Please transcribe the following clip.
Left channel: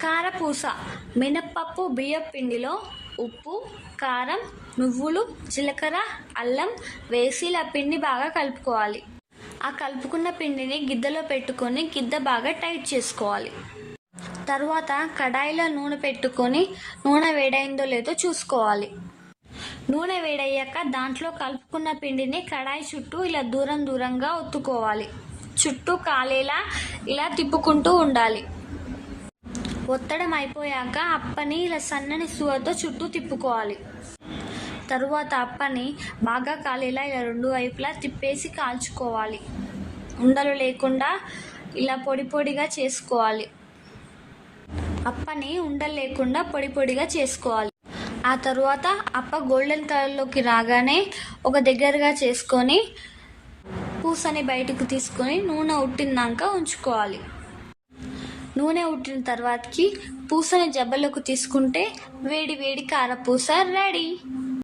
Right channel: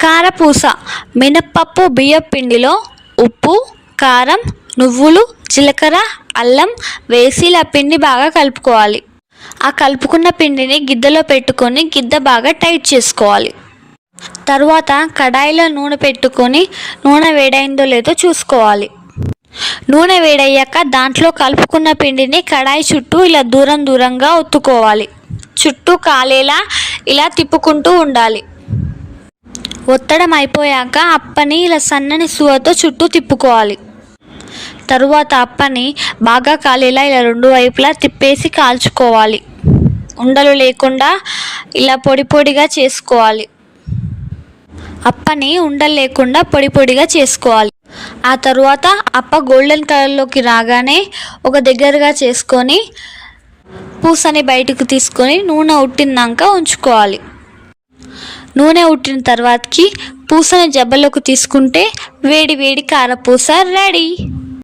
కారపూస మినప్పప్పు బియ్యపు పిండిలో ఉప్పు, కారం, నువ్వులు, జీలకర్ర, అల్లం వేసి ఇలా పిండి బాగా కలుపుకోవాలి. ఆ కలుపుకున్న పిండిని గిద్దలో పెట్టుకొని గిద్ద బాగా టైట్ చేసుకోవాలి. తరువాత కడాయిలో నూనె పెట్టుకొని నూనె వేడైందో లేదో చూసుకోవాలి. నూనె వేడయ్యాక దాంట్లో కలుపుకున్న పిండిని కడాయి చుట్టూ ఇలా దూరంగా ఒత్తుకోవాలి. చుట్టూ కాలేలా ఇలా తిప్పుకుంటూ ఉండాలి. ఒత్తడం అయిపోయాక అప్పని ఇలా సన్నని సూవతో చుట్టూ తిప్పుకోవాలి. తరువాత అప్పని బాగా కాలేలా ఇలా రెండు వైపులా తిప్పేసి కాల్చుకోవాలి. ఉండలు లేకుండా ఇలా పొడిగా చేసుకోవాలి. అప్పని ఉండలు లేకుండా పొడిగా చేసుకోవాలి. ఆ తరువాత అప్ప గోల్డెన్ కలర్లోకి రాగానే ఒక దగ్గరగా చేసుకొని పూసని బయటకు తీసుకొని నూనె ఉట్టినాక ఉంచుకోవాలి. నూనె ఉట్టిన తర్వాతకి పూసని జబ్బలోకి తీసుకుంటే వేడి కారపూస రెడీ.